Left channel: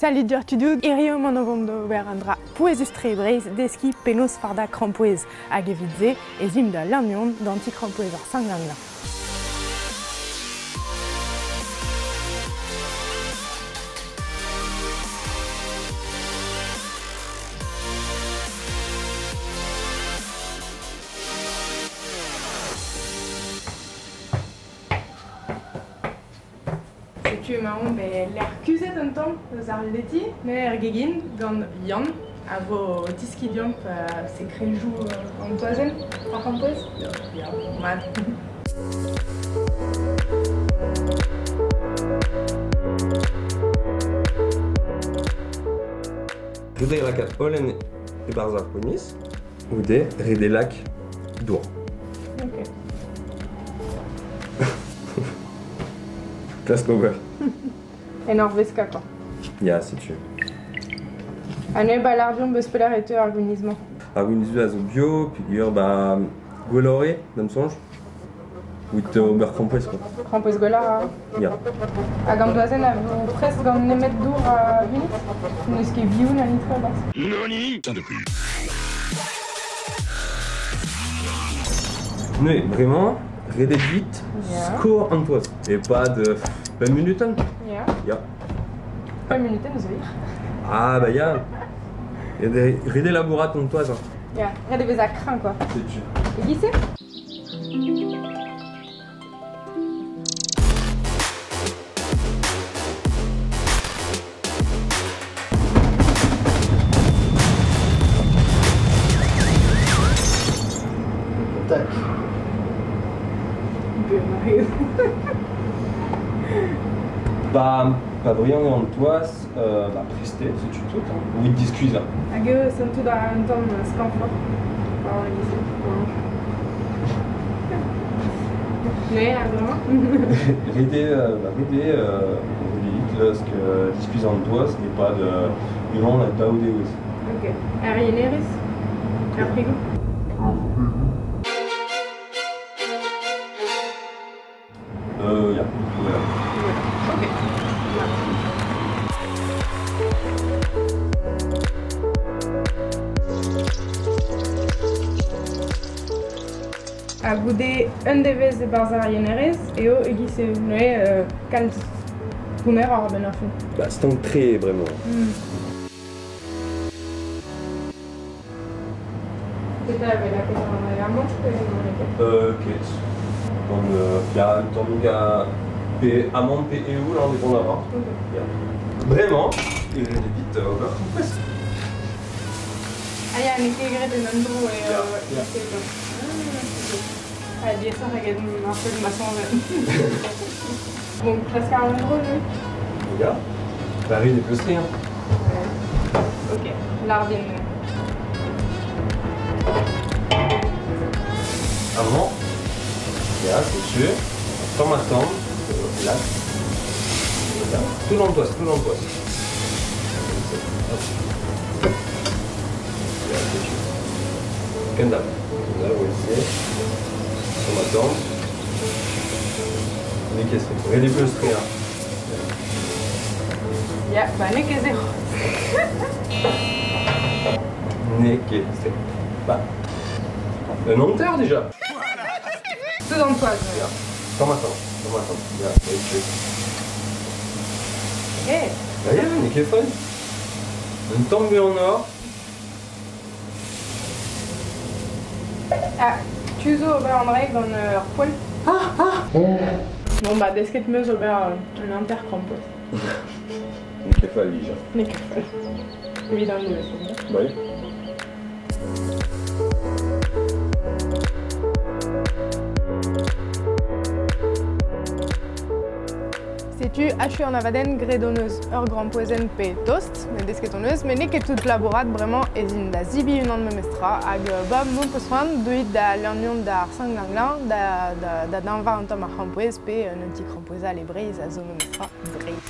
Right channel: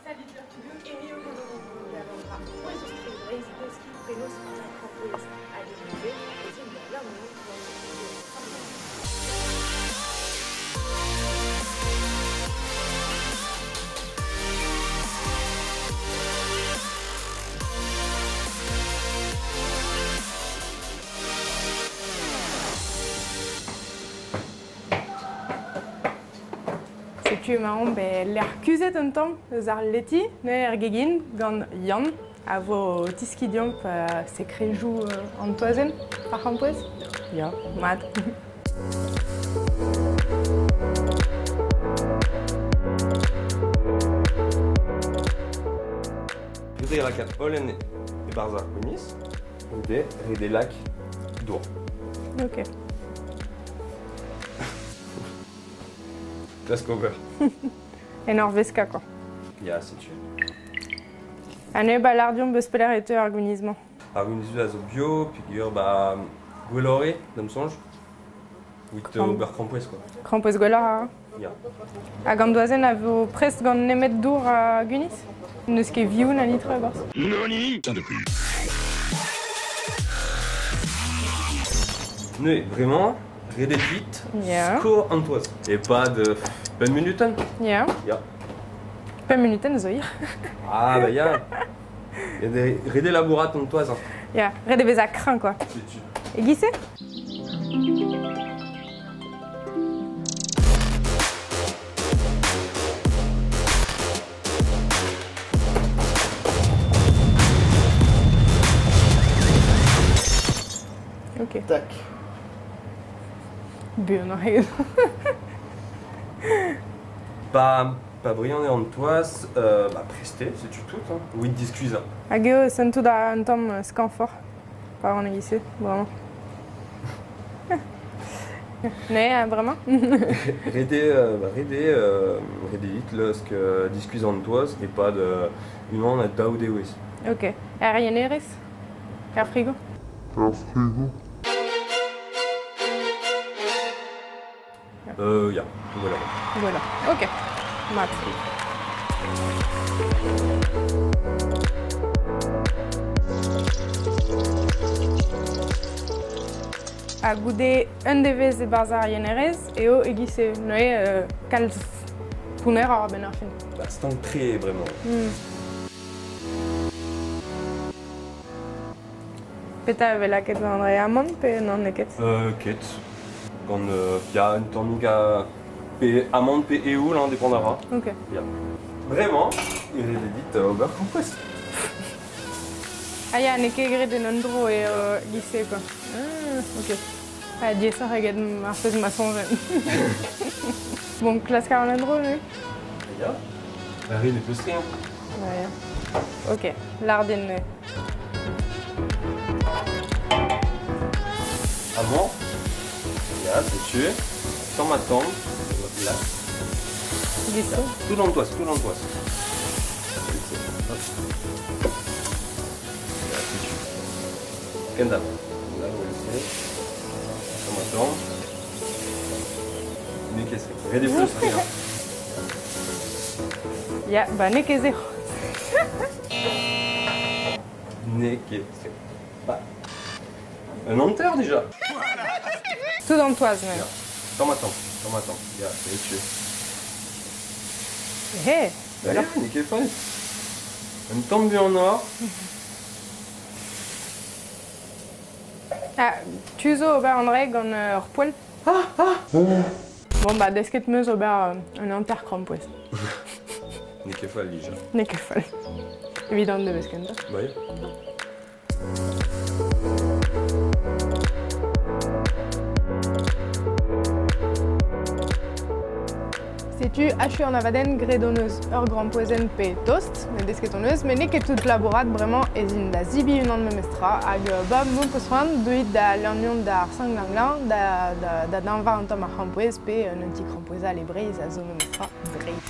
Salut Gertrude, irio monogondo berandra poezes trebreiz deski penos farda krampoez hag evidze ezim da l'amion d'anti krampoez ar sanglanga. Tu marrant l'air kuzet un temps eus ar leti, ne ar gegin gant Yann a vo tiskidiomp se krejou an toazel ar c'hampoez. Ya, mat. Rede lakat holen e barzar koniz, oude rede lak dour. Ok. Klask over. En ar veska, quoi. Ya, si tu. Ane balardion beus peler ete ar gounizman. Ar gounizou a zo bio, pigur ba gwelore, d'am sonj. Out ober krampoez, quoi. Krampoez gwelar. Ya. Hag an doazen a vo prest gant nemet dour a guniz. Neus ket vioun a litre a gors. Noni? Ne, vraiment, rede vite, Ya. score an toaz. Et pas de 20 minuten. Ya. Ya. Pa minuten zo ir. Ah, bah ya. Rede labourat an toaz. Ya. Red e vez a kran, quoi. Si tu. E gise? Ok. Tac. Bureau. Pas brillant et en toaz, bah presté, c'est tu tout. Hein. Oui, discuse. Hag eo sentout da un tom skanfor. Par an a gise. Ne, vraiment? Rede vite, lorsque discuse en toaz, et pas de humain à daoudé ouez. Ok. Ar yeneris? Ar frigo? Ya, voilà. Voilà. Ok. Mat. A goude un devez e barzar yenerez eo e gise noe kalz pouner ar ben ar fin. Bah, c'est un très vraiment. Peta ave la ket an re amont pe nan neket. Ket. Dan, ya, un temps donc pe amande pe eo, là, indépendamment. Ok. Ya. Vraiment, il rede vite ober krampoez. Ah ya, ne ket gret en andro e gise pa. Ah, diezer hag ar fez ma sonjen. Bon, klask ar andro, ne? Ya. Bah, rede peustri, hein. Ouais. Ok, lardin me. Avant, ya, c'est tu. Sans ma tombe, là. Gise. Tout dans le toit, c'est tout dans le toit. Kenda. Là, vous voyez. Sans ma tombe. Mais qu'est-ce que c'est? Rede peustri, hein. Ya, ba ne ket zero. C'est bah, un menteur déjà. Tout dans le toise, mais là. Sans ma tombe. Ya, Hé, bah, mais qu'est fun. Une tombe en or. ah, tu zo ober an reg gant ur poel. Bon, ba, desket meus ober un anter krampoez. Mais qu'est fun, déjà. Ne ket fall. Evident de besket. Oui. Setu hachu an avaden gredoneuz ur grampoezen pe toast, ne desket on eus, mais ne ket tout labourat bremañ ezin da zibi unan memestra hag ba mon peus c'hoant deuit da l'anion da ar sanglanglan da danva an tom ar krampoez pe un anti krampoeza le breiz a zo memestra breiz.